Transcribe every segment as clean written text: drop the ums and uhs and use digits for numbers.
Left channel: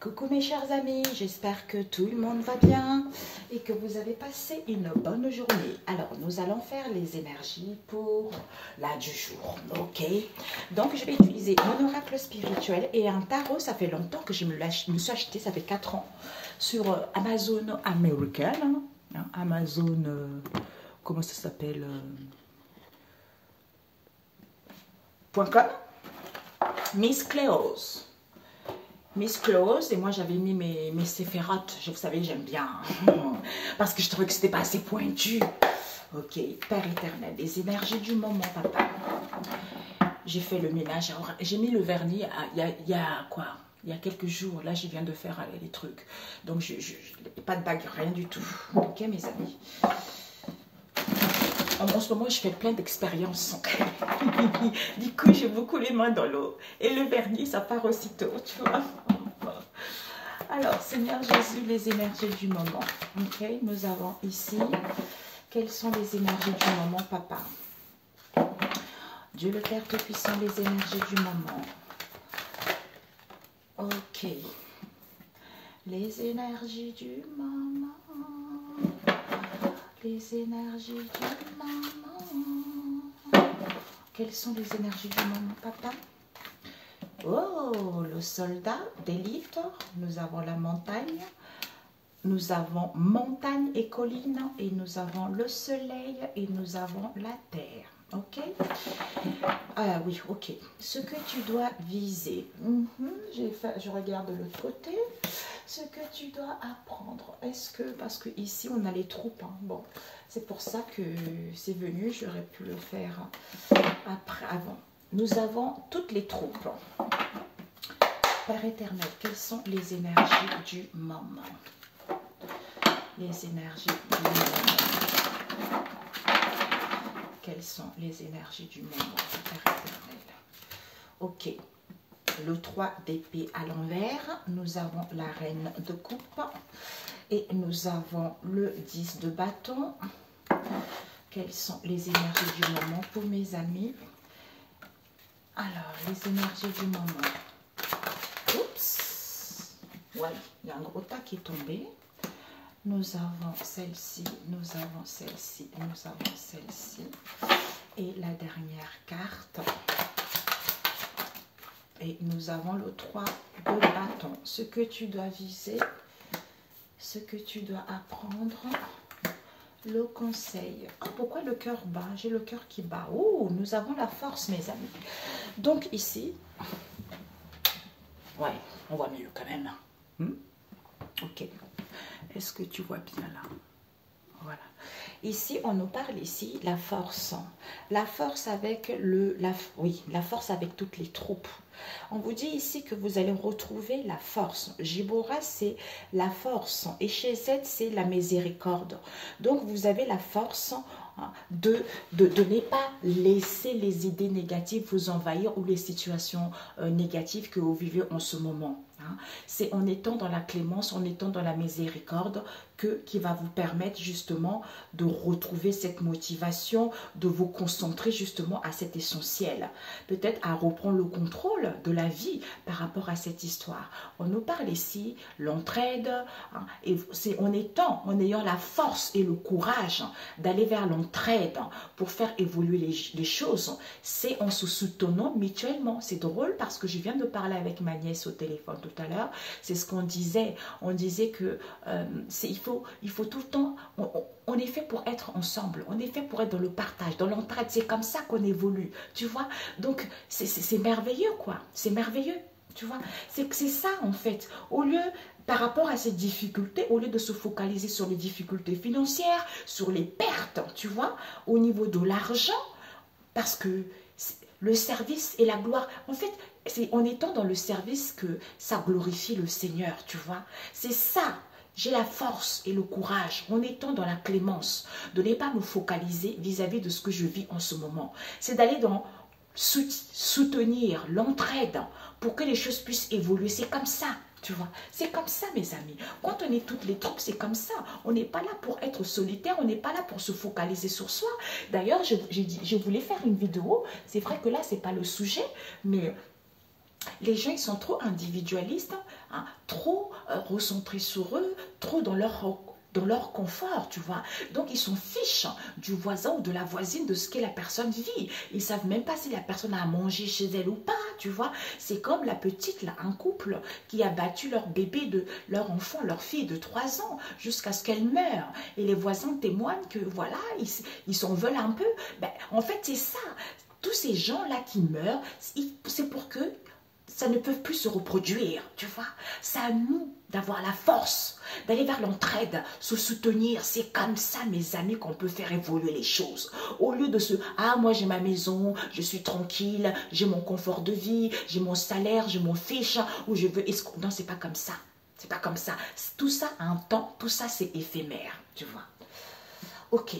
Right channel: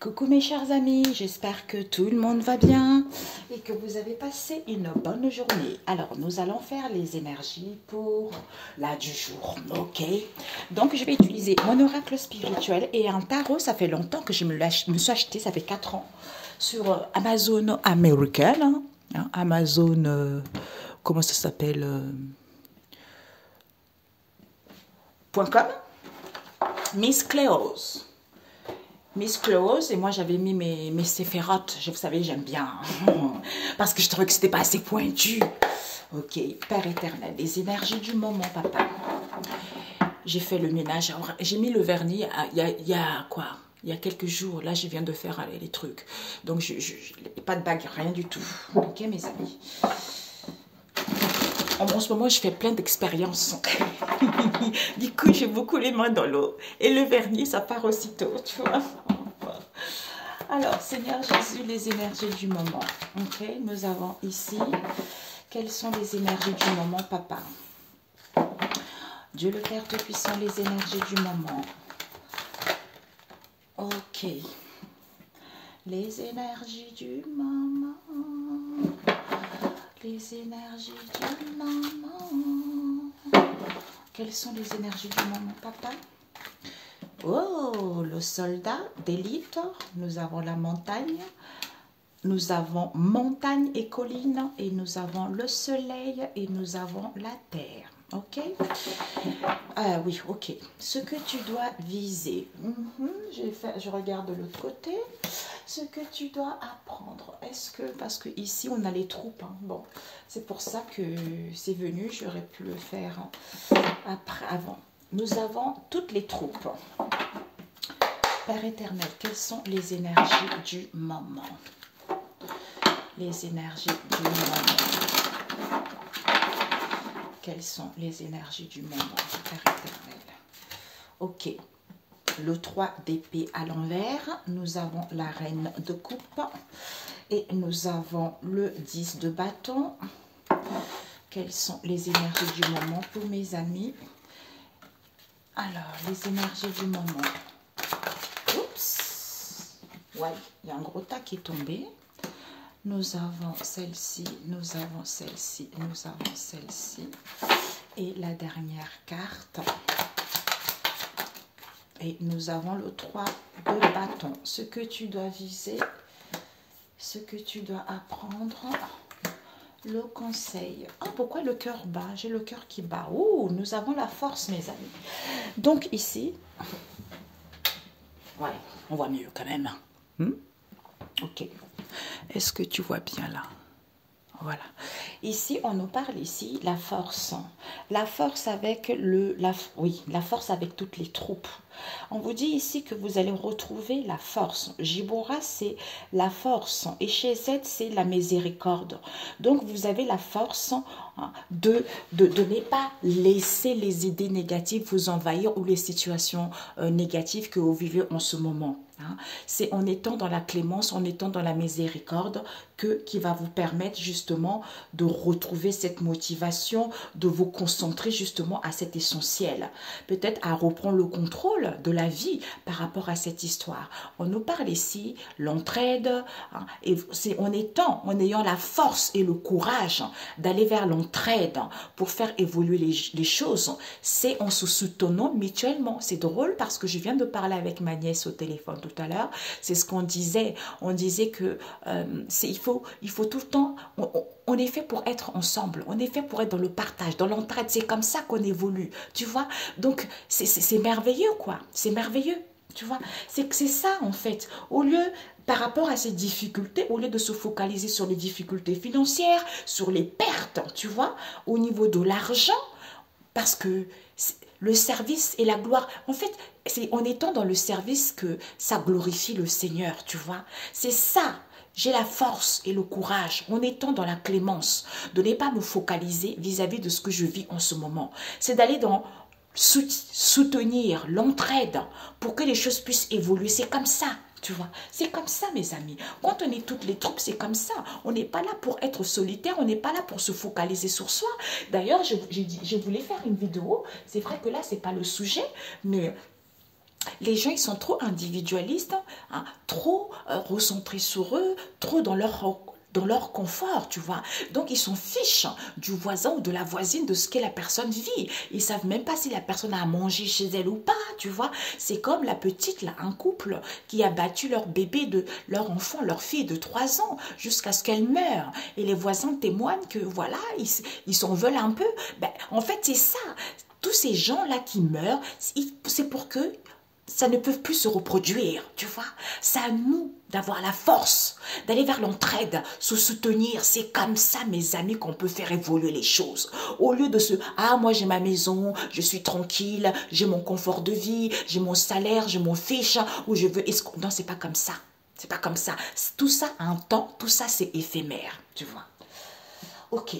Coucou mes chers amis, j'espère que tout le monde va bien et que vous avez passé une bonne journée. Alors, nous allons faire les énergies pour la du jour, ok? Donc, je vais utiliser mon oracle spirituel et un tarot. Ça fait longtemps que je me suis acheté, ça fait 4 ans, sur Amazon American, hein, Amazon, comment ça s'appelle .com, Miss Cléose. Miss Close, et moi j'avais mis mes séphérotes, vous savez, j'aime bien, parce que je trouvais que c'était pas assez pointu. Ok, Père éternel, les énergies du moment, papa. J'ai fait le ménage, j'ai mis le vernis il y a quoi? Il y a quelques jours, là je viens de faire les trucs. Donc pas de bague, rien du tout. Ok mes amis. En ce moment, je fais plein d'expériences. Du coup, j'ai beaucoup les mains dans l'eau. Et le vernis, ça part aussitôt, tu vois. Alors, Seigneur Jésus, les énergies du moment. Ok, nous avons ici, quelles sont les énergies du moment, papa? Dieu le Père Tout-Puissant, les énergies du moment. Ok. Les énergies du moment. Les énergies du moment. Quelles sont les énergies du moment, papa? Oh, le soldat d'élite. Nous avons la montagne. Nous avons montagne et colline. Et nous avons le soleil. Et nous avons la terre. Ok? Ah oui, ok. Ce que tu dois viser. Je regarde de l'autre côté. Ce que tu dois apprendre. Est-ce que, parce que ici on a les troupes, hein. Bon, c'est pour ça que c'est venu, j'aurais pu le faire après, avant. Nous avons toutes les troupes. Père éternel, quelles sont les énergies du moment? Les énergies du moment. Quelles sont les énergies du moment, Père éternel? Ok. Le 3 d'épée à l'envers, nous avons la reine de coupe et nous avons le 10 de bâton. Quelles sont les énergies du moment pour mes amis? Alors, les énergies du moment. Oups! Ouais, il y a un gros tas qui est tombé. Nous avons celle-ci, nous avons celle-ci, nous avons celle-ci. Et la dernière carte. Et nous avons le 3 de bâton. Ce que tu dois viser, ce que tu dois apprendre, le conseil. Ah, pourquoi le cœur bat? J'ai le cœur qui bat. Oh, nous avons la force, mes amis. Donc ici, ouais, on voit mieux quand même. Ok. Est-ce que tu vois bien là? Voilà. Ici, on nous parle ici la force. La force avec la force avec toutes les troupes. On vous dit ici que vous allez retrouver la force. Jibora, c'est la force. Et chez Z, c'est la miséricorde. Donc, vous avez la force de ne pas laisser les idées négatives vous envahir ou les situations négatives que vous vivez en ce moment. C'est en étant dans la clémence, en étant dans la miséricorde qui va vous permettre justement de retrouver cette motivation, de vous concentrer justement à cet essentiel. Peut-être à reprendre le contrôle de la vie par rapport à cette histoire. On nous parle ici l'entraide, et c'est en ayant la force et le courage d'aller vers l'entraide pour faire évoluer les choses. C'est en se soutenant mutuellement. C'est drôle parce que je viens de parler avec ma nièce au téléphone tout à l'heure. C'est ce qu'on disait. On disait que il faut tout le temps, on est fait pour être ensemble, on est fait pour être dans le partage, dans l'entraide, c'est comme ça qu'on évolue, tu vois. Donc, c'est merveilleux, quoi, c'est merveilleux, tu vois. C'est ça, en fait, au lieu, par rapport à ces difficultés, au lieu de se focaliser sur les difficultés financières, sur les pertes, tu vois, au niveau de l'argent, parce que le service et la gloire, en fait, c'est en étant dans le service que ça glorifie le Seigneur, tu vois. C'est ça. J'ai la force et le courage, en étant dans la clémence, de ne pas me focaliser vis-à-vis de ce que je vis en ce moment. C'est d'aller dans soutenir l'entraide pour que les choses puissent évoluer. C'est comme ça, tu vois. C'est comme ça, mes amis. Quand on est toutes les troupes, c'est comme ça. On n'est pas là pour être solitaire, on n'est pas là pour se focaliser sur soi. D'ailleurs, je voulais faire une vidéo. C'est vrai que là, ce n'est pas le sujet, mais les gens, ils sont trop individualistes. hein, trop recentrés sur eux, trop dans leur confort, tu vois. Donc, ils s'en fichent du voisin ou de la voisine, de ce que la personne vit. Ils ne savent même pas si la personne a à manger chez elle ou pas, tu vois. C'est comme la petite, là, un couple qui a battu leur bébé, leur enfant, leur fille de 3 ans, jusqu'à ce qu'elle meure. Et les voisins témoignent que, voilà, ils s'en veulent un peu. Ben, en fait, c'est ça. Tous ces gens-là qui meurent, c'est pour que ça ne peut plus se reproduire, tu vois. C'est à nous d'avoir la force, d'aller vers l'entraide, se soutenir. C'est comme ça, mes amis, qu'on peut faire évoluer les choses. Au lieu de ah, moi j'ai ma maison, je suis tranquille, j'ai mon confort de vie, j'ai mon salaire, je m'en fiche, ou je veux... Non, c'est pas comme ça. C'est pas comme ça. Tout ça a un temps, tout ça c'est éphémère, tu vois. Ok.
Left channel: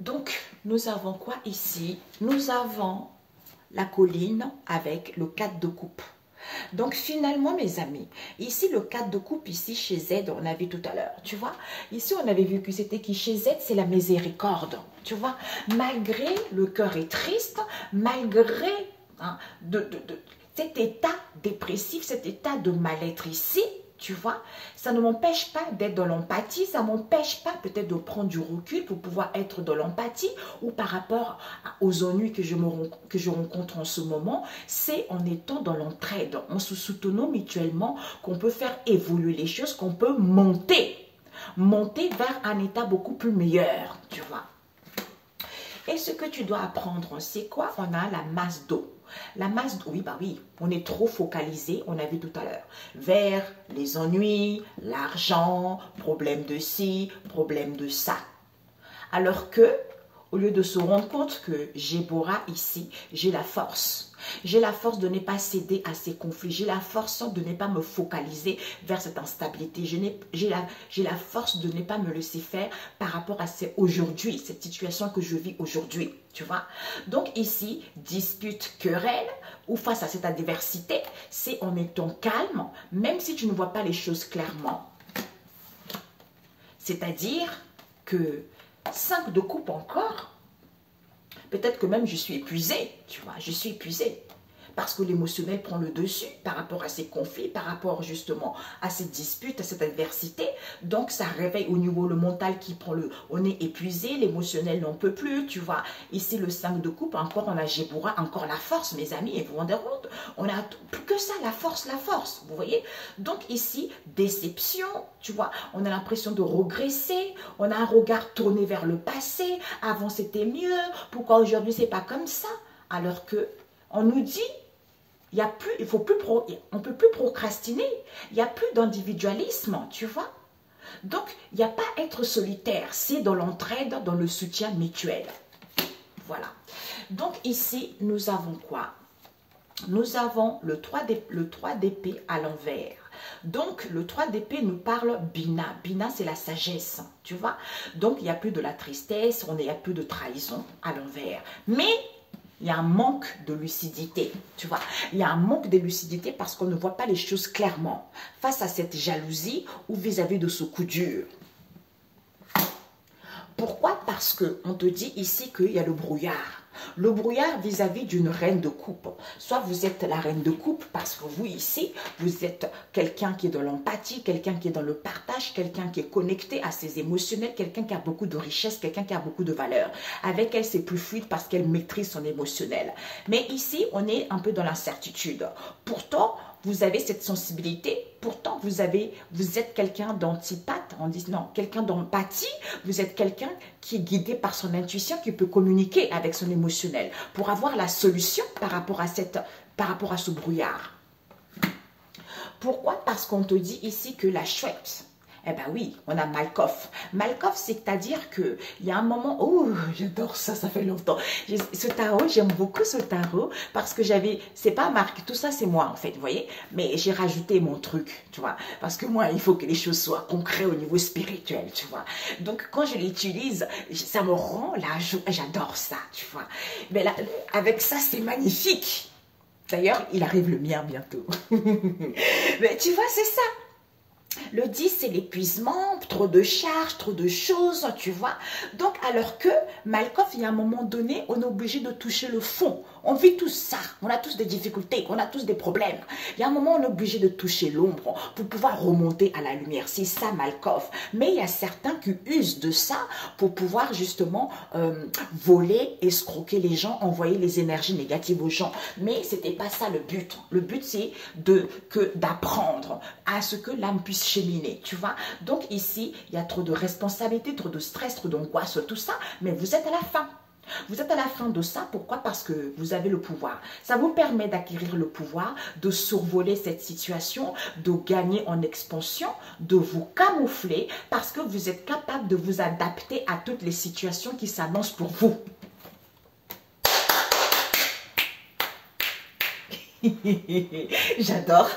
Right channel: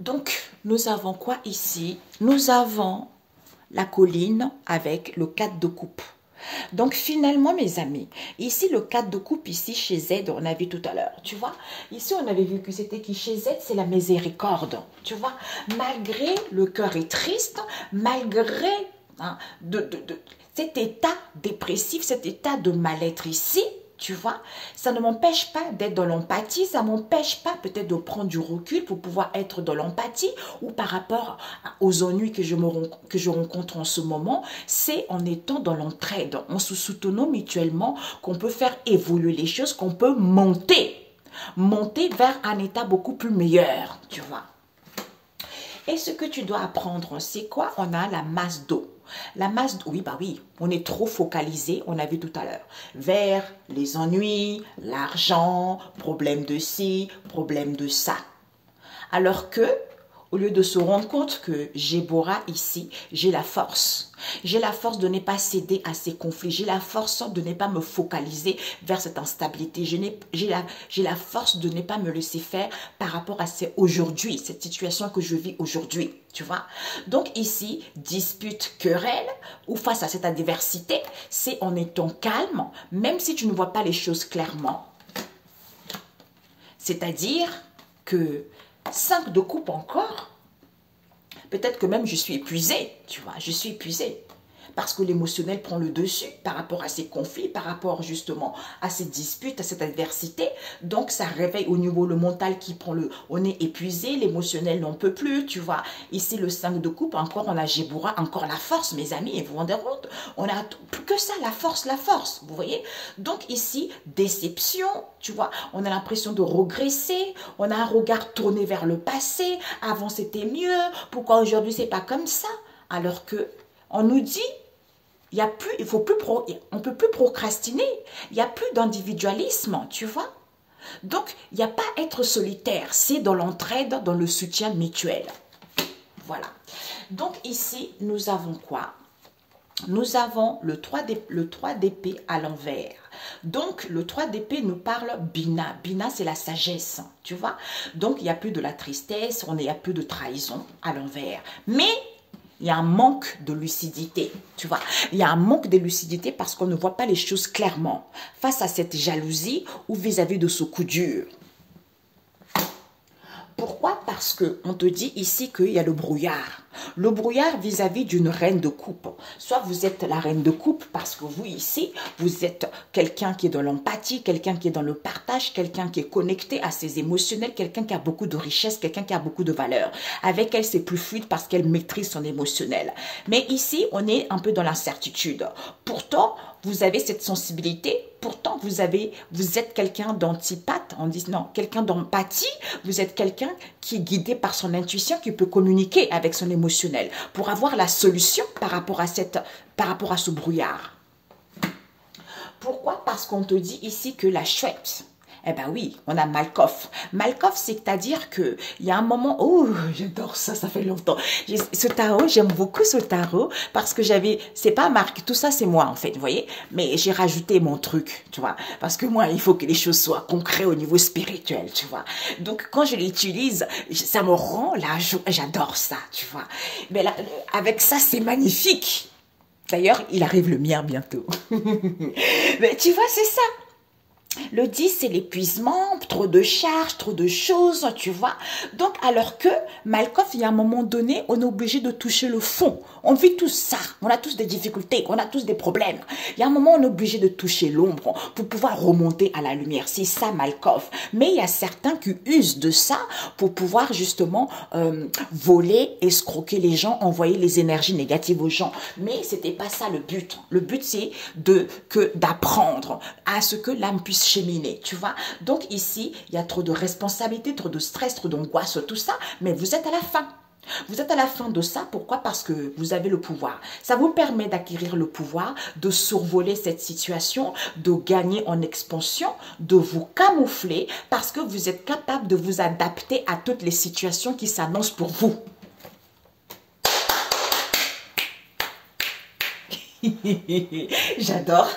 Donc, nous avons quoi ici? Nous avons la colline avec le 4 de coupe. Donc, finalement, mes amis, ici, le 4 de coupe, ici, chez Z, on a vu tout à l'heure, tu vois. Ici, on avait vu que c'était qui chez Z, c'est la miséricorde, tu vois. Malgré le cœur est triste, malgré hein, cet état dépressif, cet état de mal-être ici, tu vois, ça ne m'empêche pas d'être dans l'empathie, ça ne m'empêche pas peut-être de prendre du recul pour pouvoir être dans l'empathie ou par rapport aux ennuis que je rencontre en ce moment, c'est en étant dans l'entraide, en se soutenant mutuellement qu'on peut faire évoluer les choses, qu'on peut monter vers un état beaucoup plus meilleur, tu vois. Et ce que tu dois apprendre, c'est quoi? On a la masse d'eau. La masse d'eau, oui, bah oui, on est trop focalisé, on a vu tout à l'heure, vers les ennuis, l'argent, problème de ci, problème de ça. Alors que, au lieu de se rendre compte que j'ai Bora ici, j'ai la force. J'ai la force de ne pas céder à ces conflits. J'ai la force de ne pas me focaliser vers cette instabilité. J'ai la force de ne pas me laisser faire par rapport à aujourd'hui, cette situation que je vis aujourd'hui. Tu vois? Donc ici, dispute, querelle, ou face à cette adversité, c'est en étant calme, même si tu ne vois pas les choses clairement. C'est-à-dire que 5 de coupe encore, peut-être que même je suis épuisée, tu vois, je suis épuisée. Parce que l'émotionnel prend le dessus par rapport à ces conflits, par rapport justement à ces disputes, à cette adversité. Donc, ça réveille au niveau le mental qui prend on est épuisé, l'émotionnel n'en peut plus, tu vois. Ici, le 5 de coupe, encore, on a Géboura, encore la force, mes amis, et vous vous rendez compte, on a plus que ça, la force, vous voyez. Donc, ici, déception, tu vois, on a l'impression de regresser, on a un regard tourné vers le passé, avant c'était mieux, pourquoi aujourd'hui c'est pas comme ça? Alors que, on nous dit, il y a plus, on ne peut plus procrastiner. Il n'y a plus d'individualisme, tu vois. Donc, il n'y a pas à être solitaire. C'est dans l'entraide, dans le soutien mutuel. Voilà. Donc, ici, nous avons quoi? Nous avons le 3 d'épée à l'envers. Donc, le 3 d'épée nous parle Bina. Bina, c'est la sagesse, tu vois. Donc, il n'y a plus de la tristesse, il n'y a plus de trahison à l'envers. Mais il y a un manque de lucidité, tu vois. Il y a un manque de lucidité parce qu'on ne voit pas les choses clairement face à cette jalousie ou vis-à-vis de ce coup dur. Pourquoi? Parce qu'on te dit ici qu'il y a le brouillard. Le brouillard vis-à-vis d'une reine de coupe. Soit vous êtes la reine de coupe parce que vous ici, vous êtes quelqu'un qui est dans l'empathie, quelqu'un qui est dans le partage, quelqu'un qui est connecté à ses émotionnels, quelqu'un qui a beaucoup de richesse, quelqu'un qui a beaucoup de valeur. Avec elle, c'est plus fluide parce qu'elle maîtrise son émotionnel. Mais ici, on est un peu dans l'incertitude. Pourtant, vous avez cette sensibilité, pourtant vous êtes quelqu'un d'antipathe, on dit non, quelqu'un d'empathie, vous êtes quelqu'un qui est guidé par son intuition, qui peut communiquer avec son émotionnel pour avoir la solution par rapport à ce brouillard. Pourquoi? Parce qu'on te dit ici que la chouette, eh bien oui, on a Malkoff. Malkoff, c'est-à-dire qu'il y a un moment, oh, j'adore ça, ça fait longtemps. Ce tarot, j'aime beaucoup ce tarot parce que c'est pas marqué, tout ça c'est moi en fait, vous voyez. Mais j'ai rajouté mon truc, tu vois. Parce que moi, il faut que les choses soient concrètes au niveau spirituel, tu vois. Donc quand je l'utilise, ça me rend la joie, j'adore ça, tu vois. Mais là, avec ça, c'est magnifique. D'ailleurs, il arrive le mien bientôt. Mais tu vois, c'est ça. Le 10, c'est l'épuisement, trop de charges, trop de choses, tu vois. Donc, alors que Malkoff, il y a un moment donné, on est obligé de toucher le fond. On vit tout ça. On a tous des difficultés, on a tous des problèmes. Il y a un moment, on est obligé de toucher l'ombre pour pouvoir remonter à la lumière. C'est ça, Malkoff. Mais il y a certains qui usent de ça pour pouvoir justement voler, escroquer les gens, envoyer les énergies négatives aux gens. Mais c'était pas ça le but. Le but, c'est d'apprendre à ce que l'âme puisse cheminer, tu vois. Donc ici, il y a trop de responsabilités, trop de stress, trop d'angoisse, tout ça, mais vous êtes à la fin. Vous êtes à la fin de ça, pourquoi? Parce que vous avez le pouvoir. Ça vous permet d'acquérir le pouvoir, de survoler cette situation, de gagner en expansion, de vous camoufler, parce que vous êtes capable de vous adapter à toutes les situations qui s'annoncent pour vous. J'adore.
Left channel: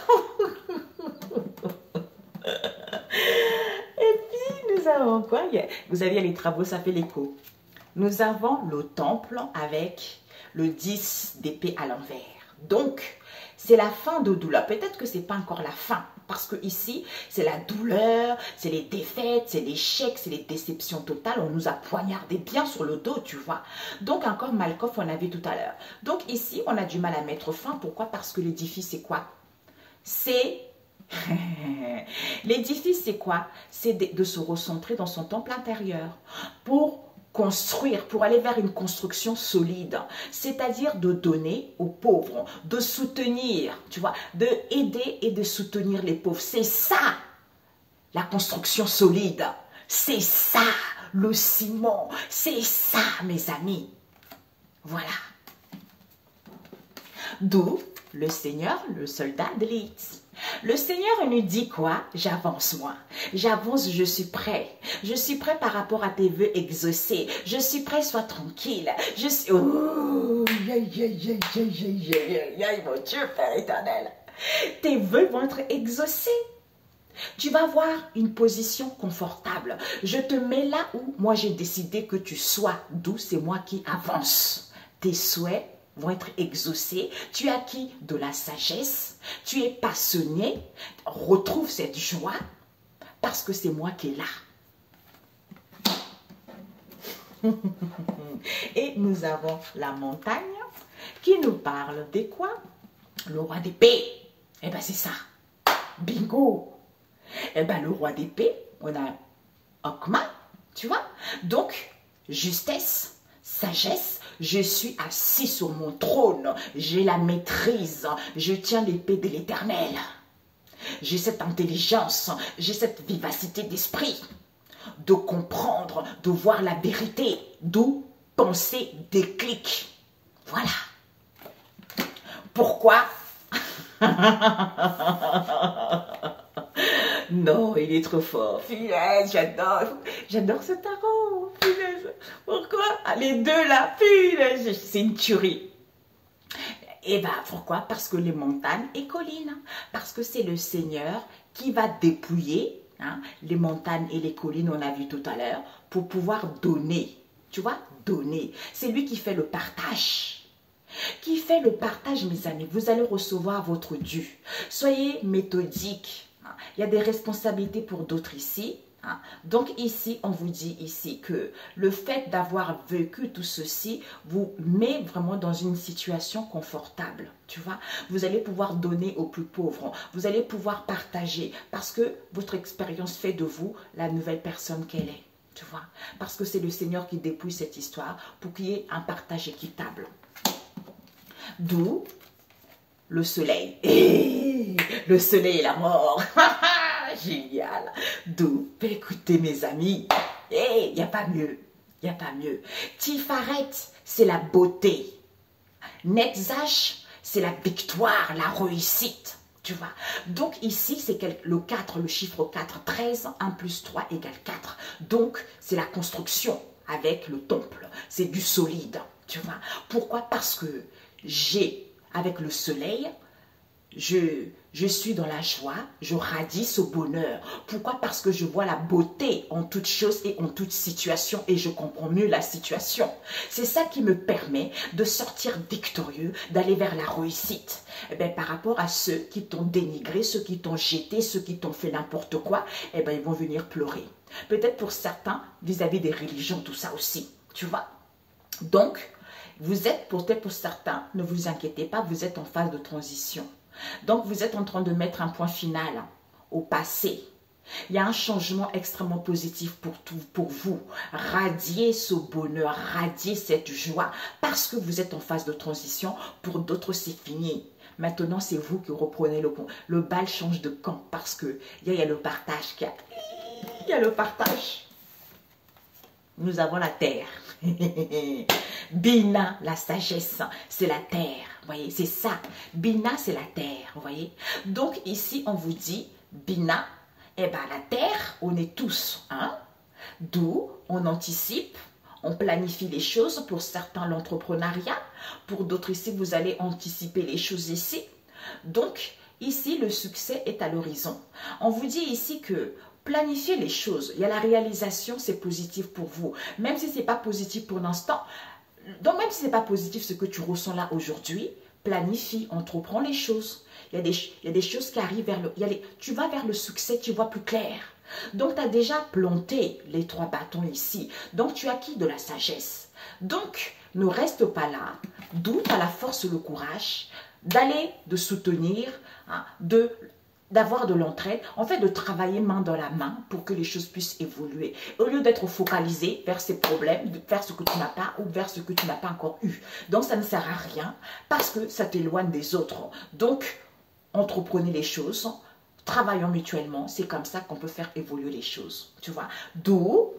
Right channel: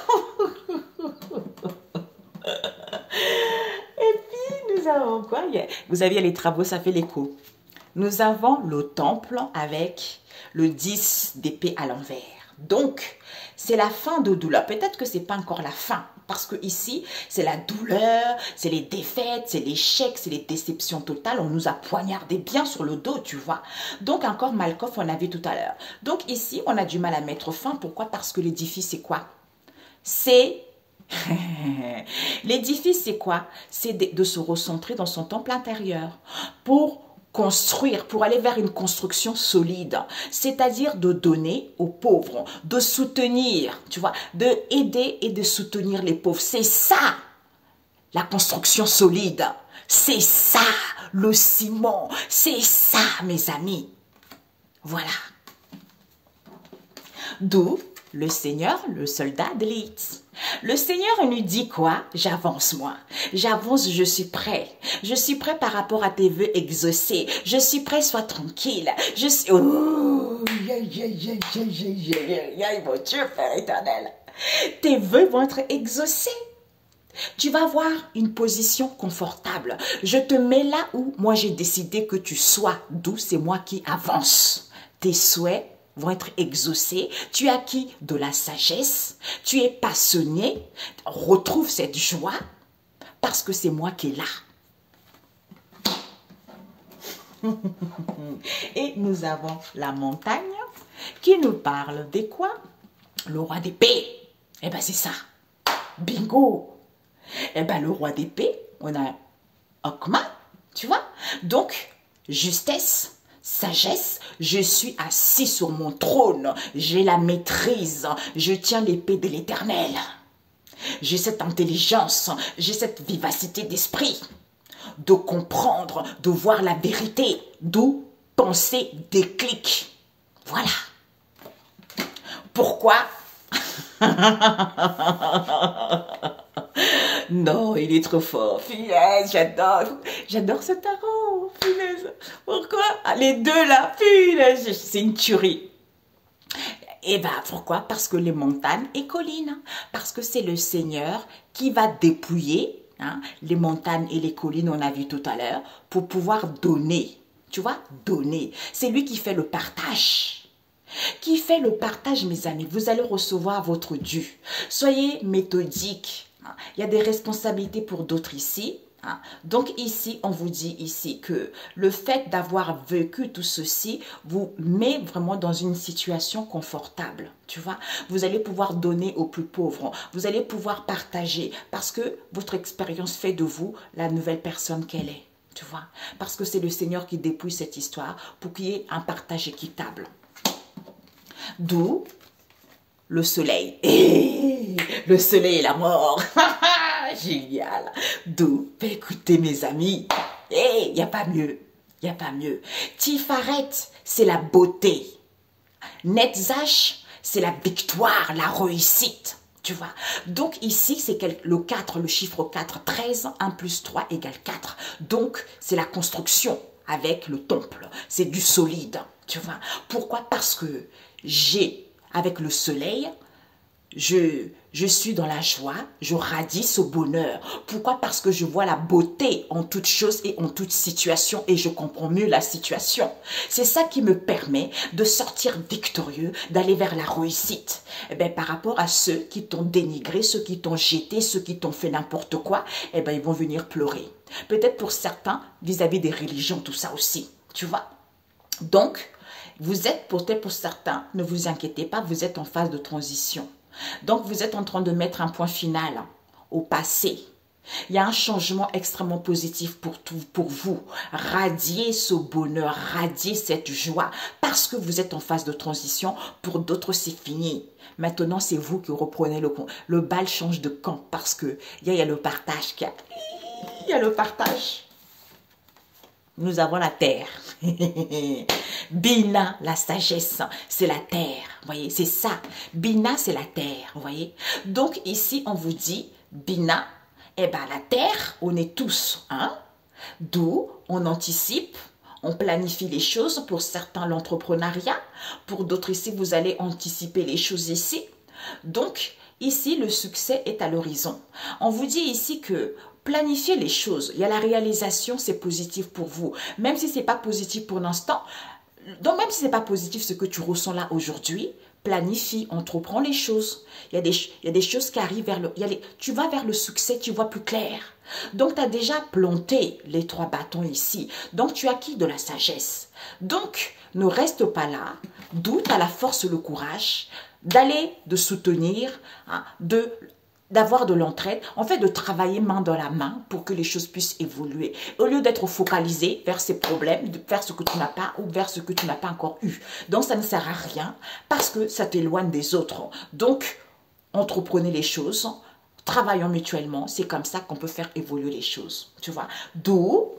Et puis, nous avons quoi? Vous avez les travaux, ça fait l'écho. Nous avons le temple avec le 10 d'épée à l'envers. Donc, c'est la fin de douleur. Peut-être que ce n'est pas encore la fin. Parce que ici, c'est la douleur, c'est les défaites, c'est l'échec, c'est les déceptions totales. On nous a poignardé bien sur le dos, tu vois. Donc, encore Malkoff, on a vu tout à l'heure. Donc, ici, on a du mal à mettre fin. Pourquoi? Parce que l'édifice, c'est quoi? C'est... L'édifice, c'est quoi? C'est de se recentrer dans son temple intérieur pour construire, pour aller vers une construction solide, c'est-à-dire de donner aux pauvres, de soutenir, tu vois, de aider et de soutenir les pauvres. C'est ça, la construction solide. C'est ça, le ciment. C'est ça, mes amis. Voilà. D'où le Seigneur, le soldat d'élite. Le Seigneur nous dit quoi? J'avance moi. J'avance, je suis prêt. Je suis prêt par rapport à tes vœux exaucés. Je suis prêt, sois tranquille. Je suis... Oh, mon Dieu, Père éternel. Tes vœux vont être exaucés. Tu vas avoir une position confortable. Je te mets là où moi j'ai décidé que tu sois. D'où c'est moi qui avance. Tes souhaits vont être exaucés. Tu as acquis de la sagesse. Tu es passionné. Retrouve cette joie parce que c'est moi qui est là. Et nous avons la montagne qui nous parle de quoi? Le roi d'épée. Eh bien, c'est ça. Bingo. Eh bien, le roi d'épée, on a Okma, tu vois. Donc, justesse, sagesse, je suis assis sur mon trône, j'ai la maîtrise, je tiens l'épée de l'Éternel. J'ai cette intelligence, j'ai cette vivacité d'esprit de comprendre, de voir la vérité, d'où penser déclic. Voilà. Pourquoi? Non, il est trop fort. Punaise, j'adore ce tarot. Punaise. Pourquoi? Ah, les deux là, punaise, c'est une tuerie. Et bien, pourquoi? Parce que les montagnes et collines. Parce que c'est le Seigneur qui va dépouiller les montagnes et les collines, on a vu tout à l'heure, pour pouvoir donner. Tu vois, donner. C'est lui qui fait le partage. Qui fait le partage, mes amis. Vous allez recevoir votre dû. Soyez méthodiques. Il y a des responsabilités pour d'autres ici. Donc ici, on vous dit ici que le fait d'avoir vécu tout ceci vous met vraiment dans une situation confortable. Tu vois, vous allez pouvoir donner aux plus pauvres. Vous allez pouvoir partager parce que votre expérience fait de vous la nouvelle personne qu'elle est. Tu vois, parce que c'est le Seigneur qui dépouille cette histoire pour qu'il y ait un partage équitable. D'où le soleil. Et le soleil et la mort. Génial. D'où, écoutez mes amis, il n'y a pas mieux. Il n'y a pas mieux. Tifaret, c'est la beauté. Netzach, c'est la victoire, la réussite. Tu vois. Donc ici, c'est le 4, le chiffre 4. 13, 1 plus 3 égale 4. Donc, c'est la construction avec le temple. C'est du solide. Tu vois. Pourquoi? Parce que j'ai, avec le soleil, je suis dans la joie, je radie ce bonheur. Pourquoi? Parce que je vois la beauté en toute chose et en toute situation et je comprends mieux la situation. C'est ça qui me permet de sortir victorieux, d'aller vers la réussite. Eh bien, par rapport à ceux qui t'ont dénigré, ceux qui t'ont jeté, ceux qui t'ont fait n'importe quoi, eh bien, ils vont venir pleurer. Peut-être pour certains, vis-à-vis des religions, tout ça aussi, tu vois. Donc, vous êtes, peut-être pour certains, ne vous inquiétez pas, vous êtes en phase de transition. Donc, vous êtes en train de mettre un point final au passé. Il y a un changement extrêmement positif pour vous. Radiez ce bonheur, radiez cette joie parce que vous êtes en phase de transition. Pour d'autres, c'est fini. Maintenant, c'est vous qui reprenez le bal change de camp parce que il y a le partage. Il y a le partage. Nous avons la terre. Bina, la sagesse, c'est la terre. Vous voyez, c'est ça. Bina, c'est la terre. Vous voyez. Donc, ici, on vous dit, Bina, eh bien, la terre, on est tous. Hein? D'où on anticipe, on planifie les choses. Pour certains, l'entrepreneuriat. Pour d'autres, ici, vous allez anticiper les choses ici. Donc, ici, le succès est à l'horizon. On vous dit ici que planifiez les choses. Il y a la réalisation, c'est positif pour vous. Même si ce n'est pas positif pour l'instant, donc même si ce n'est pas positif ce que tu ressens là aujourd'hui, planifie, entreprends les choses. Il y a des choses qui arrivent vers tu vas vers le succès, tu vois plus clair. Donc tu as déjà planté les 3 bâtons ici. Donc tu as acquis de la sagesse. Donc ne reste pas là. D'où tu as la force, le courage d'aller, de soutenir, hein, d'avoir de l'entraide, en fait de travailler main dans la main pour que les choses puissent évoluer. Au lieu d'être focalisé vers ces problèmes, vers ce que tu n'as pas ou vers ce que tu n'as pas encore eu. Donc ça ne sert à rien parce que ça t'éloigne des autres. Donc, entreprenez les choses, travaillons mutuellement, c'est comme ça qu'on peut faire évoluer les choses. Tu vois? D'où,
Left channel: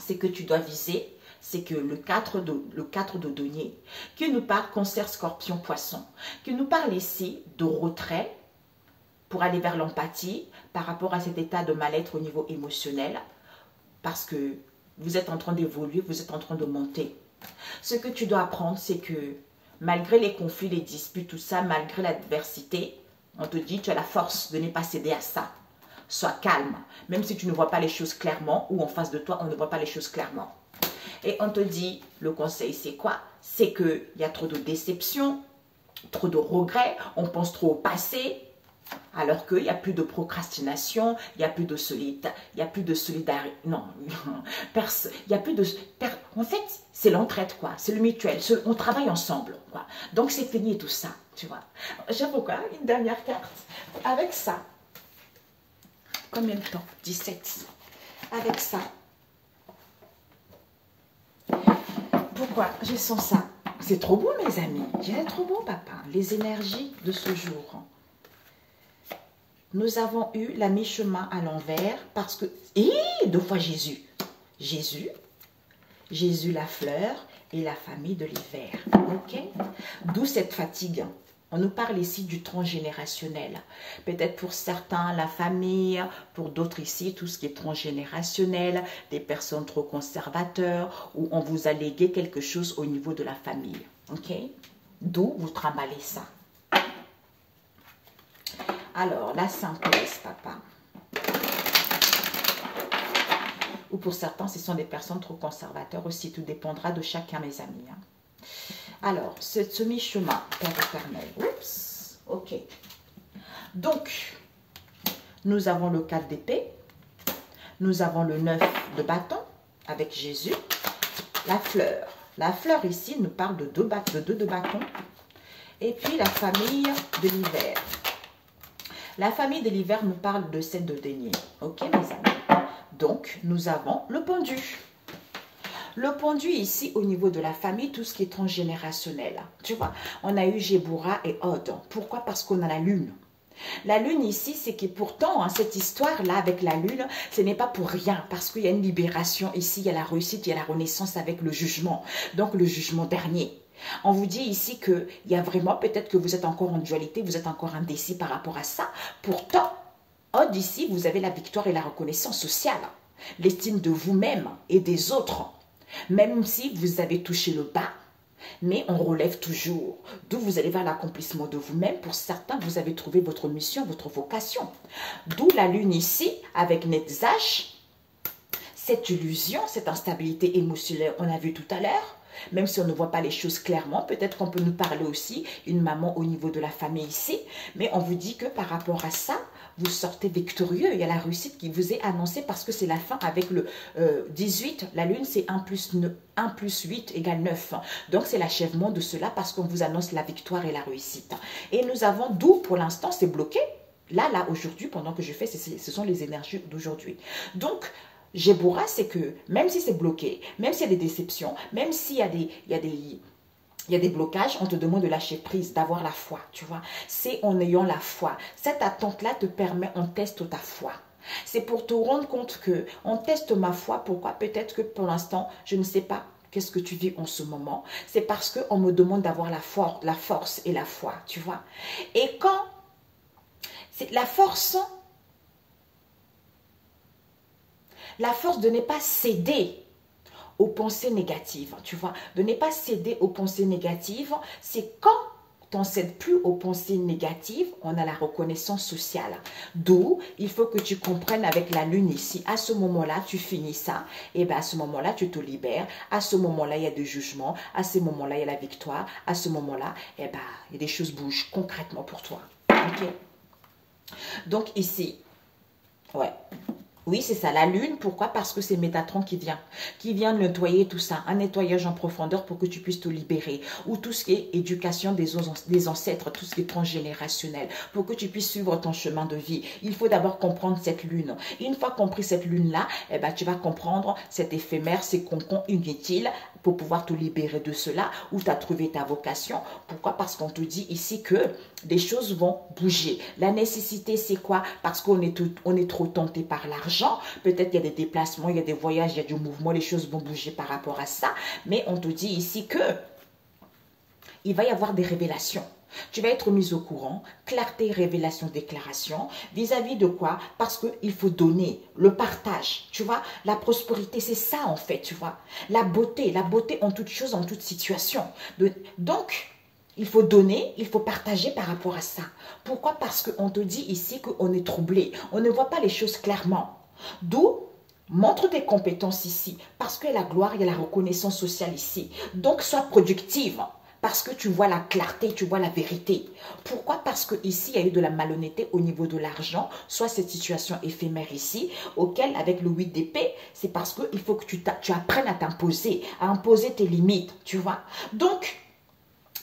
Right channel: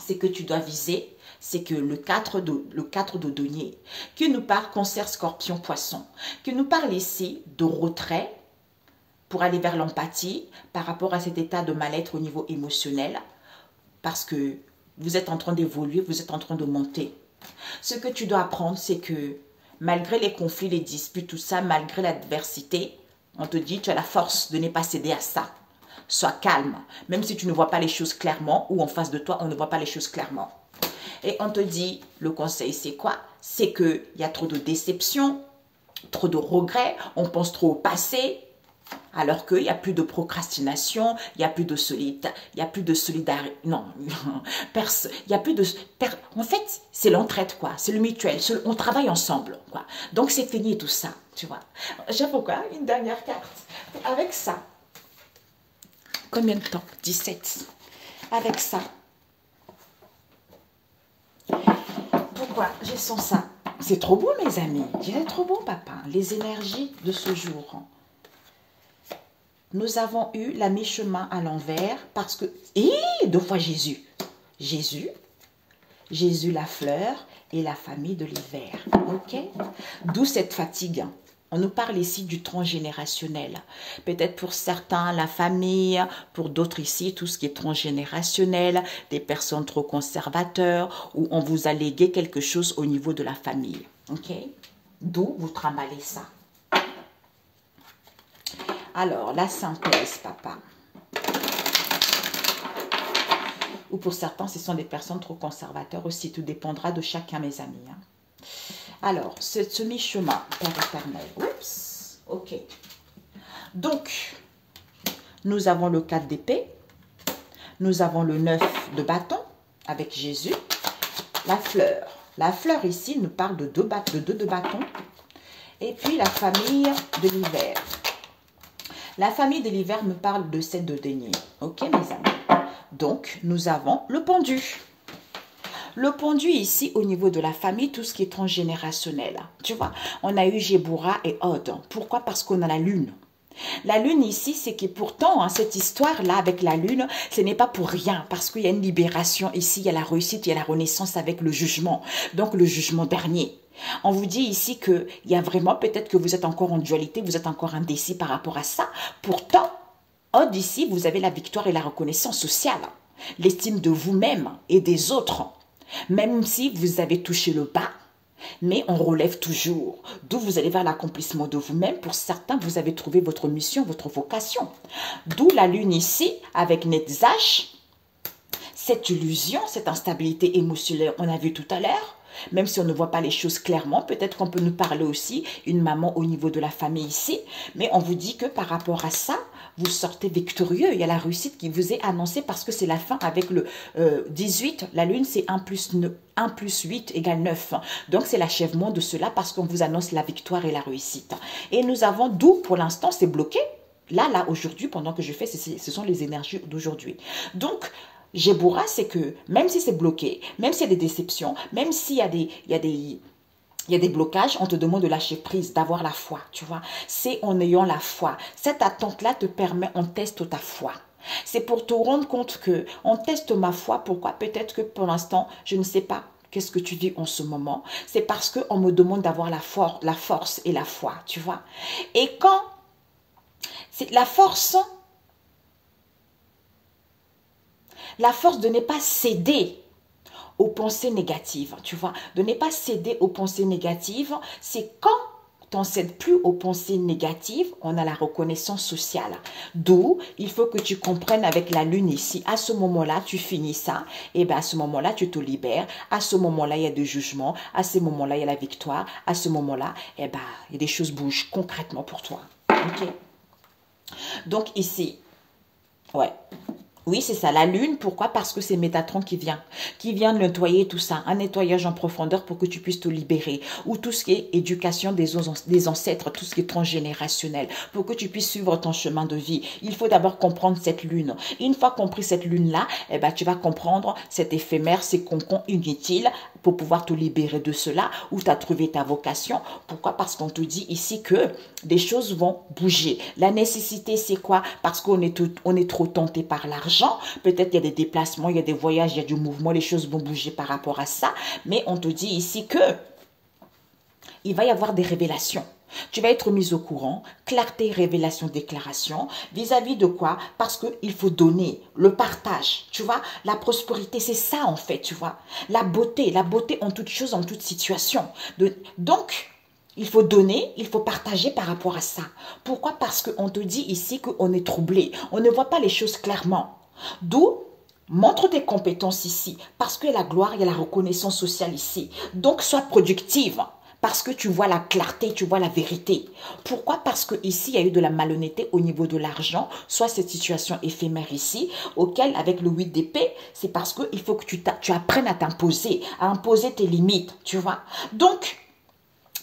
c'est que tu dois viser, c'est que le 4 de denier, qui nous parle cancer, scorpion, poisson, qui nous parle ici de retrait, pour aller vers l'empathie par rapport à cet état de mal-être au niveau émotionnel parce que vous êtes en train d'évoluer, vous êtes en train de monter. Ce que tu dois apprendre, c'est que malgré les conflits, les disputes, tout ça, malgré l'adversité, on te dit tu as la force de ne pas céder à ça. Sois calme, même si tu ne vois pas les choses clairement ou en face de toi, on ne voit pas les choses clairement. Et on te dit, le conseil c'est quoi? C'est qu'il y a trop de déception, trop de regrets, on pense trop au passé, alors qu'il n'y a plus de procrastination, il n'y a plus de solidarité, non, il n'y a plus de, en fait, c'est l'entraide, quoi, c'est le mutuel, on travaille ensemble, quoi. Donc, c'est fini tout ça, tu vois. J'ai pourquoi une dernière carte, avec ça, combien de temps? 17, avec ça. Pourquoi je sens ça? C'est trop beau, mes amis, c'est trop beau, papa, les énergies de ce jour. Nous avons eu la mi-chemin à l'envers parce que... 2 fois Jésus. Jésus la fleur et la famille de l'hiver. Ok? D'où cette fatigue. On nous parle ici du transgénérationnel. Peut-être pour certains, la famille, pour d'autres ici, tout ce qui est transgénérationnel, des personnes trop conservateurs, où on vous a légué quelque chose au niveau de la famille. Ok? D'où vous trimballez ça. Alors, la synthèse, papa. Ou pour certains, ce sont des personnes trop conservateurs aussi. Tout dépendra de chacun, mes amis. Hein. Alors, ce mi-chemin, Père éternel. Oups, ok. Donc, nous avons le 4 d'épée. Nous avons le 9 de bâton avec Jésus. La fleur. La fleur ici nous parle de 2 de bâtons. Et puis, la famille de l'hiver. La famille de l'hiver nous parle de 7 de denier. Ok, mes amis? Donc, nous avons le pendu. Le pendu ici, au niveau de la famille, tout ce qui est transgénérationnel. Tu vois, on a eu Géboura et Od. Pourquoi? Parce qu'on a la lune. La lune ici, c'est que pourtant, hein, cette histoire-là avec la lune, ce n'est pas pour rien. Parce qu'il y a une libération ici, il y a la réussite, il y a la renaissance avec le jugement. Donc, le jugement dernier. On vous dit ici qu'il y a vraiment, peut-être que vous êtes encore en dualité, vous êtes encore indécis par rapport à ça. Pourtant, Od ici, vous avez la victoire et la reconnaissance sociale. L'estime de vous-même et des autres. Même si vous avez touché le bas, mais on relève toujours. D'où vous allez vers l'accomplissement de vous-même. Pour certains, vous avez trouvé votre mission, votre vocation. D'où la lune ici, avec Netzach, cette illusion, cette instabilité émotionnelle, on a vu tout à l'heure. Même si on ne voit pas les choses clairement, peut-être qu'on peut nous parler aussi, une maman au niveau de la famille ici. Mais on vous dit que par rapport à ça, vous sortez victorieux. Il y a la réussite qui vous est annoncée parce que c'est la fin avec le 18. La lune, c'est 1 plus 8 égale 9. Donc, c'est l'achèvement de cela parce qu'on vous annonce la victoire et la réussite. Et nous avons d'où, pour l'instant, c'est bloqué. Là, aujourd'hui, pendant que je fais, ce sont les énergies d'aujourd'hui. Donc, Géboura, c'est que même si c'est bloqué, même s'il y a des déceptions, même s'il y a des blocages, on te demande de lâcher prise, d'avoir la foi, tu vois. C'est en ayant la foi. Cette attente-là te permet, on teste ta foi. C'est pour te rendre compte que on teste ma foi. Pourquoi? Peut-être que pour l'instant, je ne sais pas qu'est-ce que tu vis en ce moment. C'est parce qu'on me demande d'avoir la force et la foi, tu vois. Et quand c'est la force de ne pas céder aux pensées négatives, tu vois. De ne pas céder aux pensées négatives, c'est quand tu n'en cèdes plus aux pensées négatives, on a la reconnaissance sociale. D'où, il faut que tu comprennes avec la lune ici, à ce moment-là, tu finis ça, et bien à ce moment-là, tu te libères, à ce moment-là, il y a des jugements, à ce moment-là, il y a la victoire, à ce moment-là, eh ben, il y a des choses bougent concrètement pour toi. Ok. Donc ici, ouais. Oui, c'est ça, la lune. Pourquoi? Parce que c'est Métatron qui vient nettoyer tout ça, un nettoyage en profondeur pour que tu puisses te libérer. Ou tout ce qui est éducation des ancêtres, tout ce qui est transgénérationnel, pour que tu puisses suivre ton chemin de vie. Il faut d'abord comprendre cette lune. Une fois compris cette lune-là, eh ben, tu vas comprendre cet éphémère, ces concons inutiles pour pouvoir te libérer de cela, où tu as trouvé ta vocation. Pourquoi? Parce qu'on te dit ici que des choses vont bouger. La nécessité, c'est quoi? Parce qu'on est trop tenté par l'argent. Peut-être il y a des déplacements, il y a des voyages, il y a du mouvement, les choses vont bouger par rapport à ça. Mais on te dit ici que il va y avoir des révélations. Tu vas être mis au courant, clarté, révélation, déclaration, vis-à-vis de quoi? Parce qu'il faut donner, le partage, tu vois, la prospérité, c'est ça en fait, tu vois, la beauté en toute chose, en toute situation. Donc, il faut donner, il faut partager par rapport à ça. Pourquoi? Parce qu'on te dit ici qu'on est troublé, on ne voit pas les choses clairement. D'où montre tes compétences ici, parce qu'il y a la gloire, il y a la reconnaissance sociale ici. Donc, sois productive. Parce que tu vois la clarté, tu vois la vérité. Pourquoi? Parce que ici, il y a eu de la malhonnêteté au niveau de l'argent, soit cette situation éphémère ici, auquel, avec le 8 d'épée, c'est parce qu'il faut que tu apprennes à t'imposer, à imposer tes limites, tu vois. Donc,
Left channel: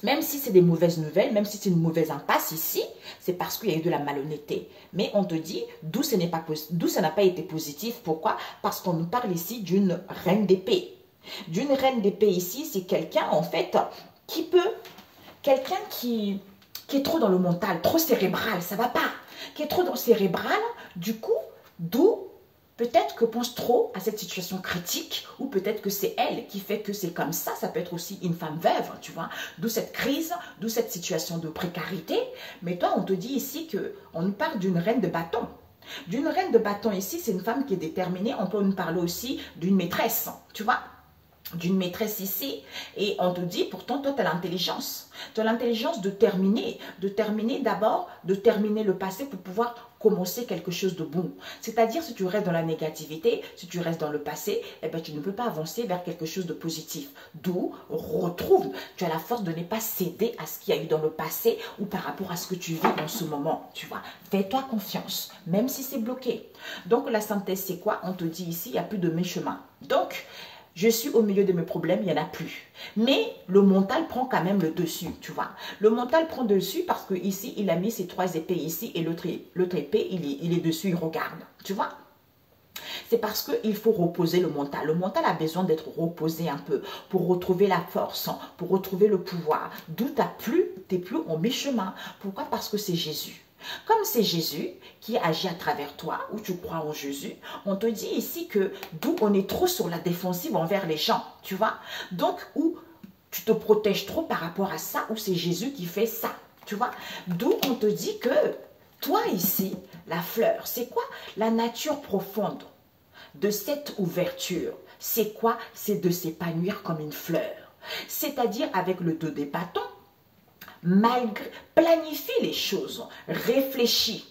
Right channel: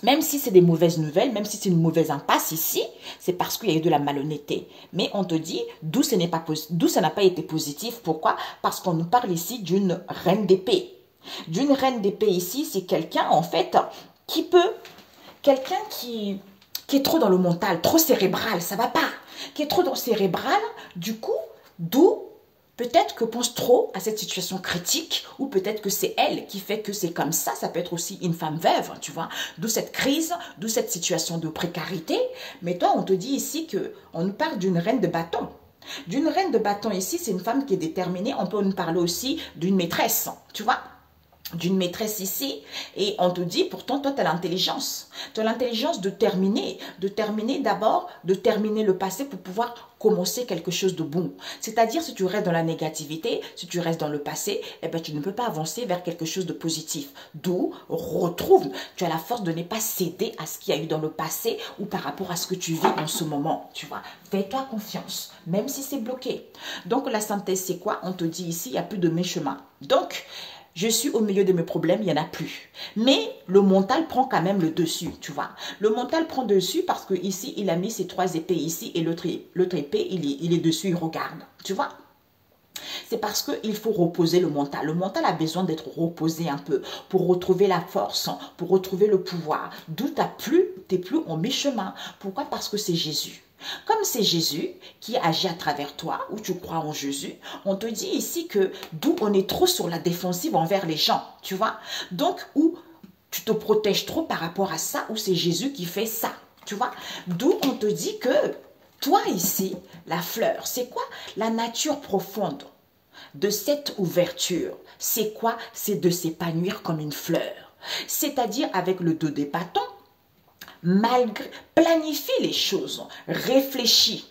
même si c'est des mauvaises nouvelles, même si c'est une mauvaise impasse ici, c'est parce qu'il y a eu de la malhonnêteté. Mais on te dit d'où ça n'a pas été positif. Pourquoi? Parce qu'on nous parle ici d'une reine d'épée. D'une reine d'épée ici, c'est quelqu'un, en fait, quelqu'un qui est trop dans le mental, trop cérébral, ça va pas, qui est trop dans le cérébral, du coup, d'où peut-être que pense trop à cette situation critique, ou peut-être que c'est elle qui fait que c'est comme ça peut être aussi une femme veuve, tu vois, d'où cette crise, d'où cette situation de précarité. Mais toi, on te dit ici qu'on nous parle d'une reine de bâton. D'une reine de bâton ici, c'est une femme qui est déterminée, on peut nous parler aussi d'une maîtresse, tu vois, d'une maîtresse ici, et on te dit, pourtant, toi, tu as l'intelligence. Tu as l'intelligence de terminer d'abord, de terminer le passé pour pouvoir commencer quelque chose de bon. C'est-à-dire, si tu restes dans la négativité, si tu restes dans le passé, eh ben, tu ne peux pas avancer vers quelque chose de positif. D'où, tu as la force de ne pas céder à ce qu'il y a eu dans le passé ou par rapport à ce que tu vis en ce moment, tu vois. Fais-toi confiance, même si c'est bloqué. Donc, la synthèse, c'est quoi? On te dit ici, il n'y a plus de mes chemins. Donc, je suis au milieu de mes problèmes, il n'y en a plus. Mais le mental prend quand même le dessus, tu vois. Le mental prend dessus parce que ici, il a mis ses 3 épées ici et l'autre épée, il est dessus, il regarde, tu vois. C'est parce qu'il faut reposer le mental. Le mental a besoin d'être reposé un peu pour retrouver la force, pour retrouver le pouvoir. D'où tu n'es plus en mi-chemin. Pourquoi? Parce que c'est Jésus. Comme c'est Jésus qui agit à travers toi, ou tu crois en Jésus, on te dit ici que d'où on est trop sur la défensive envers les gens, tu vois. Donc, où tu te protèges trop par rapport à ça, où c'est Jésus qui fait ça, tu vois. D'où on te dit que toi ici, la fleur, c'est quoi? La nature profonde de cette ouverture, c'est quoi? C'est de s'épanouir comme une fleur. C'est-à-dire avec le 2 des bâtons, malgré, planifie les choses, réfléchis.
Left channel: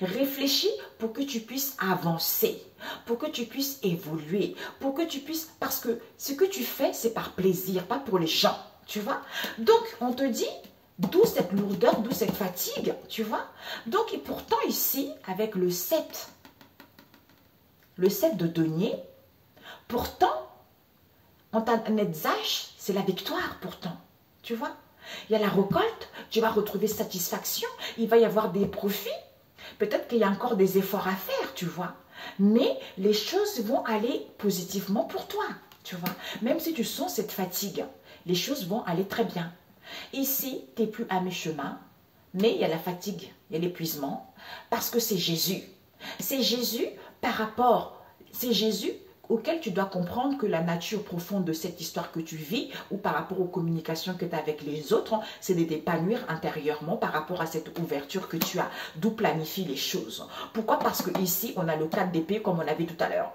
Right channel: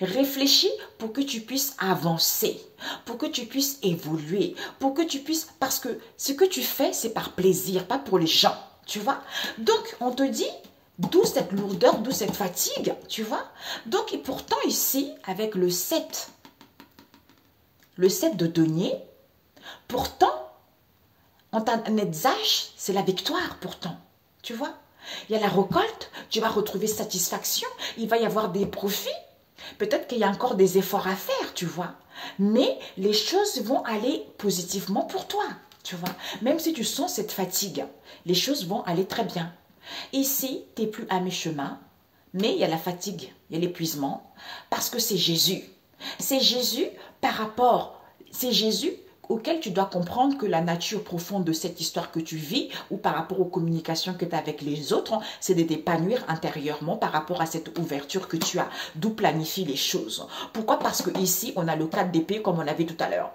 Réfléchis pour que tu puisses avancer, pour que tu puisses évoluer, pour que tu puisses... Parce que ce que tu fais, c'est par plaisir, pas pour les gens, tu vois. Donc, on te dit, d'où cette lourdeur, d'où cette fatigue, tu vois. Donc, et pourtant ici, avec le 7 de denier, pourtant, en Netzach, c'est la victoire pourtant, tu vois. Il y a la récolte, tu vas retrouver satisfaction, il va y avoir des profits. Peut-être qu'il y a encore des efforts à faire, tu vois. Mais les choses vont aller positivement pour toi, tu vois. Même si tu sens cette fatigue, les choses vont aller très bien. Ici, tu n'es plus à mi-chemin, mais il y a la fatigue, il y a l'épuisement, parce que c'est Jésus. C'est Jésus par rapport, c'est Jésus auquel tu dois comprendre que la nature profonde de cette histoire que tu vis ou par rapport aux communications que tu as avec les autres, c'est de t'épanouir intérieurement par rapport à cette ouverture que tu as, d'où planifie les choses. Pourquoi? Parce que ici, on a le 4 d'épée comme on avait tout à l'heure.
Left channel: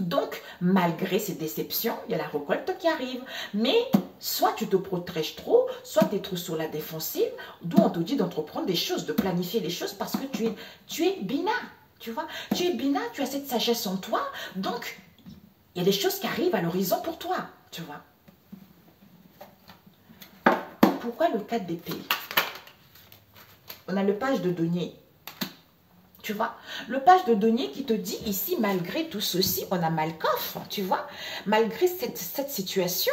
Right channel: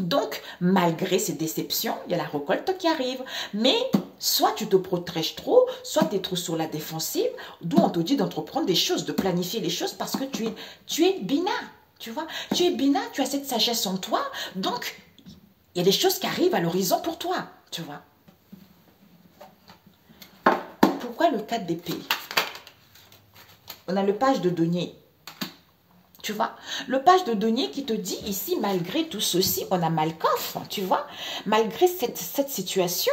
Donc, malgré ces déceptions, il y a la récolte qui arrive. Mais soit tu te protèges trop, soit tu es trop sur la défensive, d'où on te dit d'entreprendre des choses, de planifier les choses parce que tu es Bina, tu vois. Tu es Bina, tu as cette sagesse en toi, donc... Il y a des choses qui arrivent à l'horizon pour toi, tu vois. Pourquoi le 4 d'épée? On a le page de denier. Tu vois, le page de denier qui te dit ici, malgré tout ceci, on a Malkoff, tu vois. Malgré cette situation,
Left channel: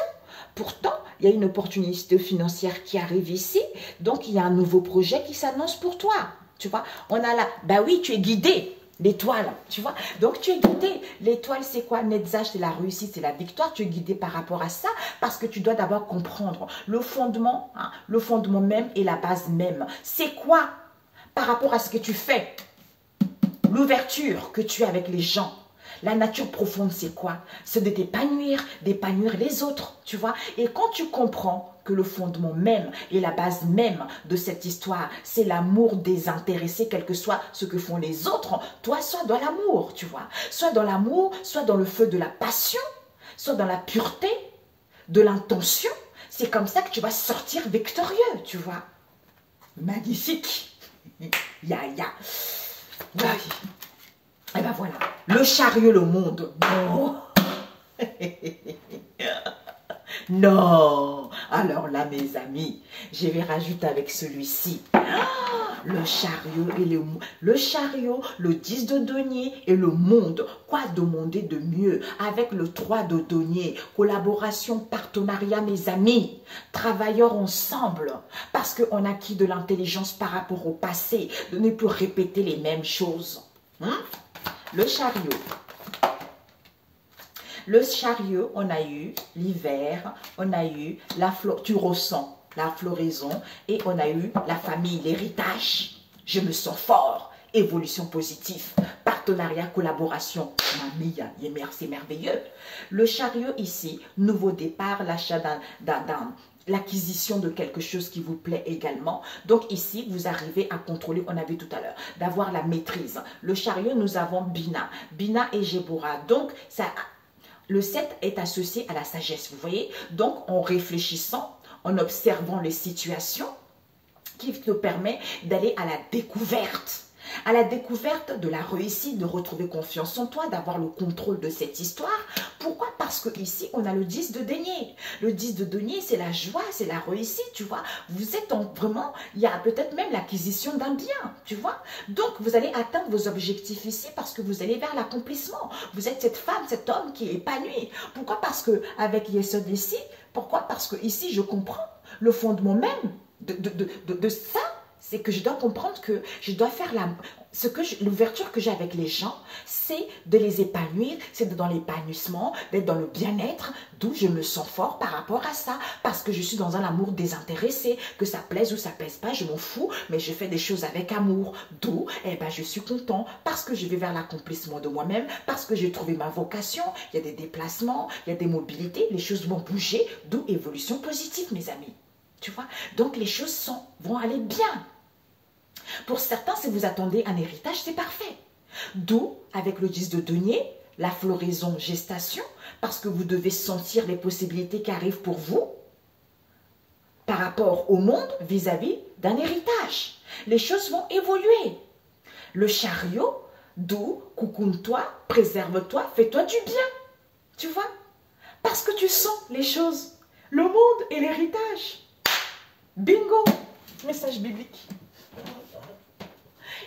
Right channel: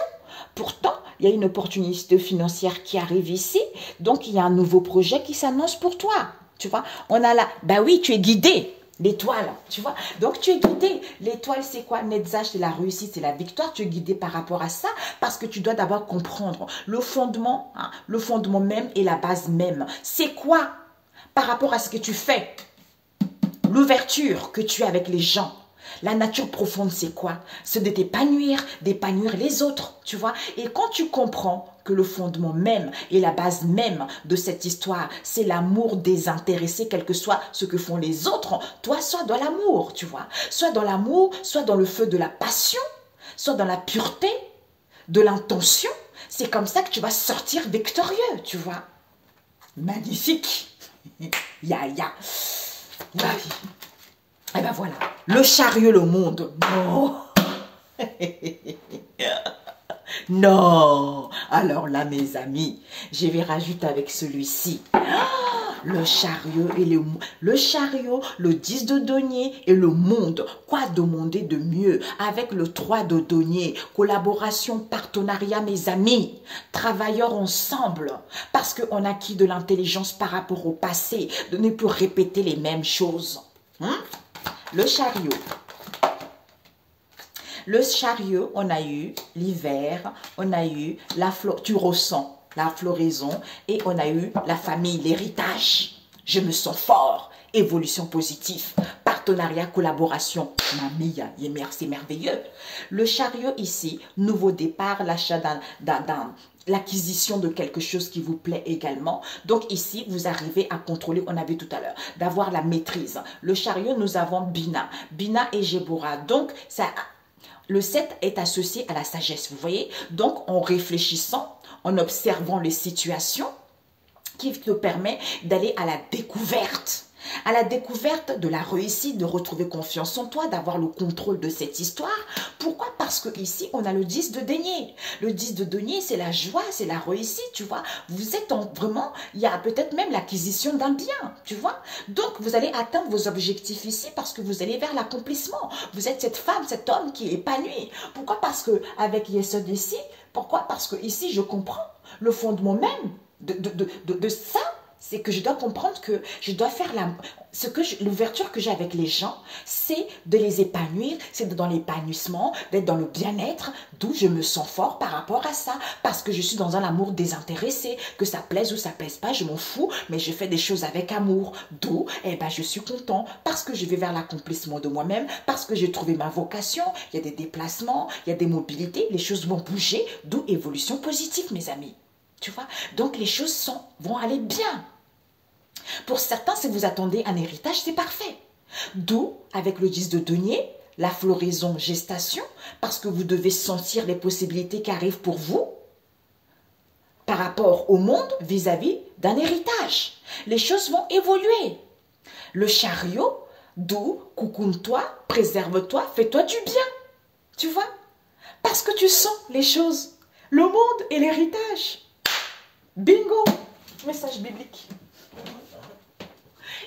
pourtant, il y a une opportunité financière qui arrive ici. Donc, il y a un nouveau projet qui s'annonce pour toi, tu vois. On a là, bah oui, tu es guidé. L'étoile, tu vois. Donc, tu es guidé. L'étoile, c'est quoi? Netzach, c'est la réussite, c'est la victoire. Tu es guidé par rapport à ça parce que tu dois d'abord comprendre le fondement même et la base même. C'est quoi par rapport à ce que tu fais? L'ouverture que tu as avec les gens. La nature profonde, c'est quoi? C'est de t'épanouir, d'épanouir les autres, tu vois. Et quand tu comprends que le fondement même et la base même de cette histoire, c'est l'amour désintéressé, quel que soit ce que font les autres, toi, sois dans l'amour, tu vois. Soit dans l'amour, soit dans le feu de la passion, soit dans la pureté de l'intention. C'est comme ça que tu vas sortir victorieux, tu vois. Magnifique. Ya, ya. Oui. Et ben voilà, le chariot, le monde. Non. Non. Alors là, mes amis, je vais rajouter avec celui-ci. Le chariot et le chariot, le 10 de denier et le monde. Quoi demander de mieux avec le 3 de denier? Collaboration, partenariat, mes amis. Travailleurs ensemble. Parce qu'on a acquis de l'intelligence par rapport au passé. De ne plus répéter les mêmes choses. Le chariot. Le chariot, on a eu l'hiver, on a eu la fleur, tu ressens la floraison et on a eu la famille, l'héritage. Je me sens fort, évolution positive, partenariat, collaboration. Mamie, c'est merveilleux. Le chariot ici, nouveau départ, l'achat l'acquisition de quelque chose qui vous plaît également. Donc ici, vous arrivez à contrôler, on a vu tout à l'heure, d'avoir la maîtrise. Le chariot, nous avons Bina. Bina et Jébora. Donc, ça, le 7 est associé à la sagesse, vous voyez. Donc, en réfléchissant, en observant les situations, qui te permet d'aller à la découverte. À la découverte de la réussite, de retrouver confiance en toi, d'avoir le contrôle de cette histoire. Pourquoi? Parce que ici, on a le 10 de denier. Le 10 de denier, c'est la joie, c'est la réussite, tu vois. Vous êtes vraiment, il y a peut-être même l'acquisition d'un bien, tu vois. Donc, vous allez atteindre vos objectifs ici parce que vous allez vers l'accomplissement. Vous êtes cette femme, cet homme qui est épanoui. Pourquoi? Parce que avec Yesod ici, pourquoi? Parce que ici, je comprends le fondement même de ça. C'est que je dois comprendre que je dois faire l'ouverture que j'ai avec les gens, c'est de les épanouir, c'est dans l'épanouissement, d'être dans le bien-être, d'où je me sens fort par rapport à ça, parce que je suis dans un amour désintéressé, que ça plaise ou ça plaise pas, je m'en fous, mais je fais des choses avec amour, d'où, je suis content, parce que je vais vers l'accomplissement de moi-même, parce que j'ai trouvé ma vocation, il y a des déplacements, il y a des mobilités, les choses vont bouger, d'où évolution positive, mes amis. Tu vois? Donc les choses vont aller bien. Pour certains, si vous attendez un héritage, c'est parfait. D'où, avec le 10 de denier, la floraison, gestation, parce que vous devez sentir les possibilités qui arrivent pour vous par rapport au monde vis-à-vis d'un héritage. Les choses vont évoluer. Le chariot, d'où, coucoune-toi, préserve-toi, fais-toi du bien. Tu vois? Parce que tu sens les choses. Le monde et l'héritage. Bingo! Message biblique.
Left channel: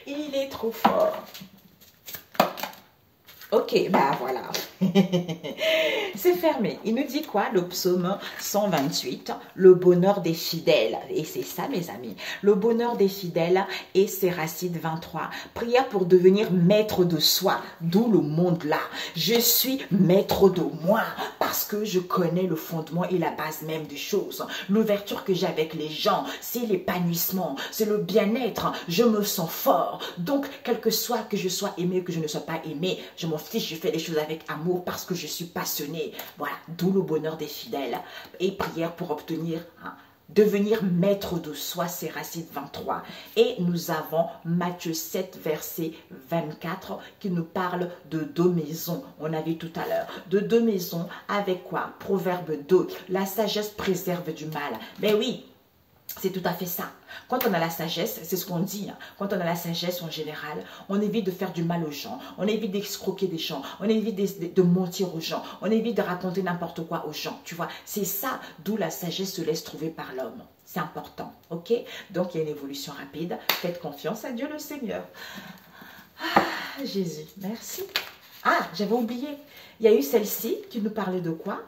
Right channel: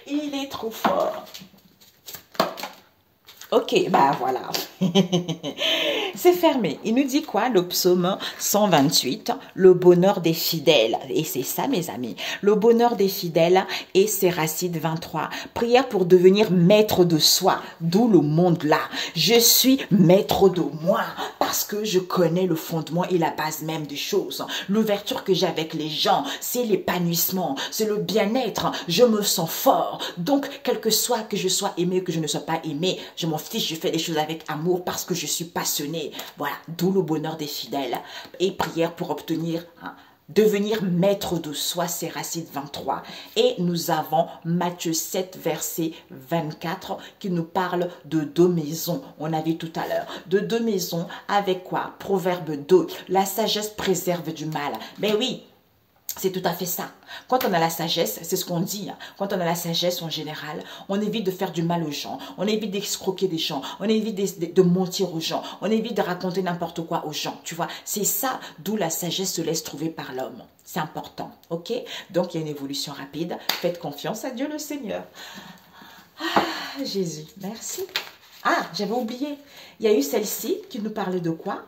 Il est trop fort. Ok, bah voilà. C'est fermé. Il nous dit quoi? Le psaume 128, le bonheur des fidèles. Et c'est ça, mes amis. Le bonheur des fidèles et c'est Racine 23. Prière pour devenir maître de soi, d'où le monde là. Je suis maître de moi parce que je connais le fondement et la base même des choses. L'ouverture que j'ai avec les gens, c'est l'épanouissement, c'est le bien-être. Je me sens fort. Donc, quel que soit que je sois aimé, que je ne sois pas aimé, je m'en fiche, je fais les choses avec amour parce que je suis passionné. Voilà, d'où le bonheur des fidèles. Et prière pour obtenir, devenir maître de soi, c'est Racine 23. Et nous avons Matthieu 7, verset 24, qui nous parle de deux maisons. On a vu tout à l'heure. De deux maisons avec quoi? Proverbe 2. La sagesse préserve du mal. Ben oui. C'est tout à fait ça. Quand on a la sagesse, c'est ce qu'on dit, quand on a la sagesse en général, on évite de faire du mal aux gens, on évite d'escroquer des gens, on évite de mentir aux gens, on évite de raconter n'importe quoi aux gens, tu vois. C'est ça d'où la sagesse se laisse trouver par l'homme. C'est important, ok? Donc, il y a une évolution rapide. Faites confiance à Dieu le Seigneur. Ah, Jésus, merci. Ah, j'avais oublié. Il y a eu celle-ci qui nous parlait de quoi?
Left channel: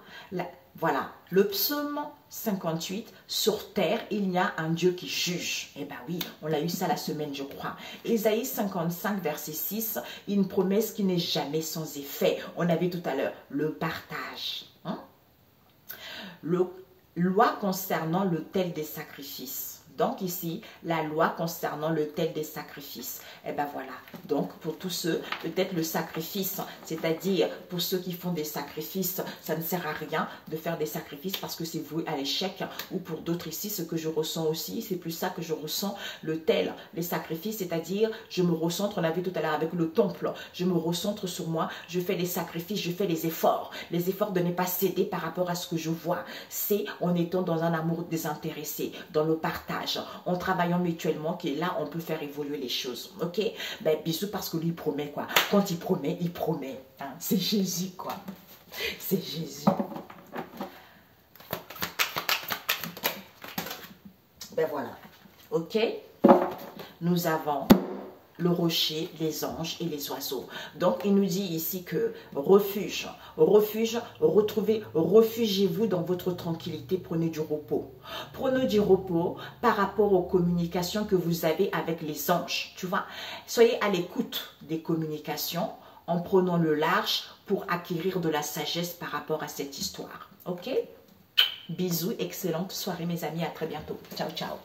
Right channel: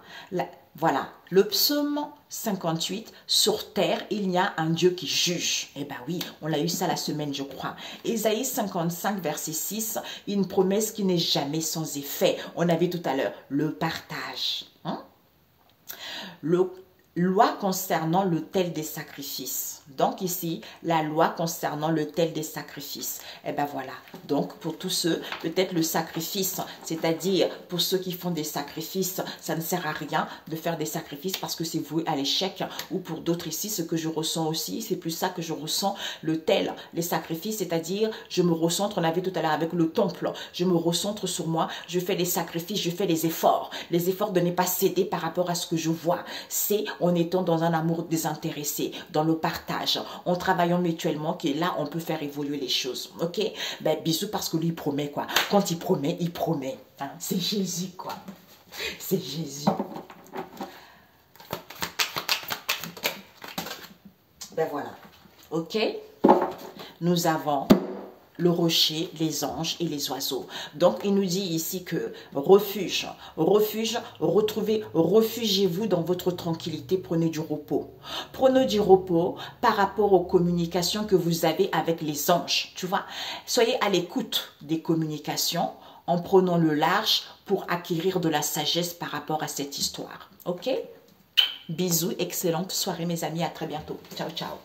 Voilà, le psaume 58, sur terre, il y a un Dieu qui juge. Eh bien oui, on l'a eu ça la semaine, je crois. Ésaïe 55, verset 6, une promesse qui n'est jamais sans effet. On avait tout à l'heure le partage. Loi concernant l'autel des sacrifices. Donc ici, la loi concernant l'autel des sacrifices. Eh bien voilà. Donc pour tous ceux, peut-être le sacrifice, c'est-à-dire pour ceux qui font des sacrifices, ça ne sert à rien de faire des sacrifices parce que c'est voué à l'échec. Ou pour d'autres ici, ce que je ressens aussi, c'est plus ça que je ressens, l'autel, les sacrifices, c'est-à-dire je me recentre, on avait tout à l'heure avec le temple, je me recentre sur moi, je fais les sacrifices, je fais les efforts de ne pas céder par rapport à ce que je vois. C'est en étant dans un amour désintéressé, dans le partage, en travaillant mutuellement, que là, on peut faire évoluer les choses. Ok? Ben, bisous parce que lui, il promet quoi. Quand il promet, il promet. Hein? C'est Jésus quoi. C'est Jésus. Ben voilà. Ok? Nous avons le rocher, les anges et les oiseaux. Donc, il nous dit ici que refuge, retrouvez, refugiez-vous dans votre tranquillité, prenez du repos. Prenez du repos par rapport aux communications que vous avez avec les anges, tu vois. Soyez à l'écoute des communications en prenant le large pour acquérir de la sagesse par rapport à cette histoire. Ok? Bisous, excellente soirée mes amis, à très bientôt. Ciao, ciao.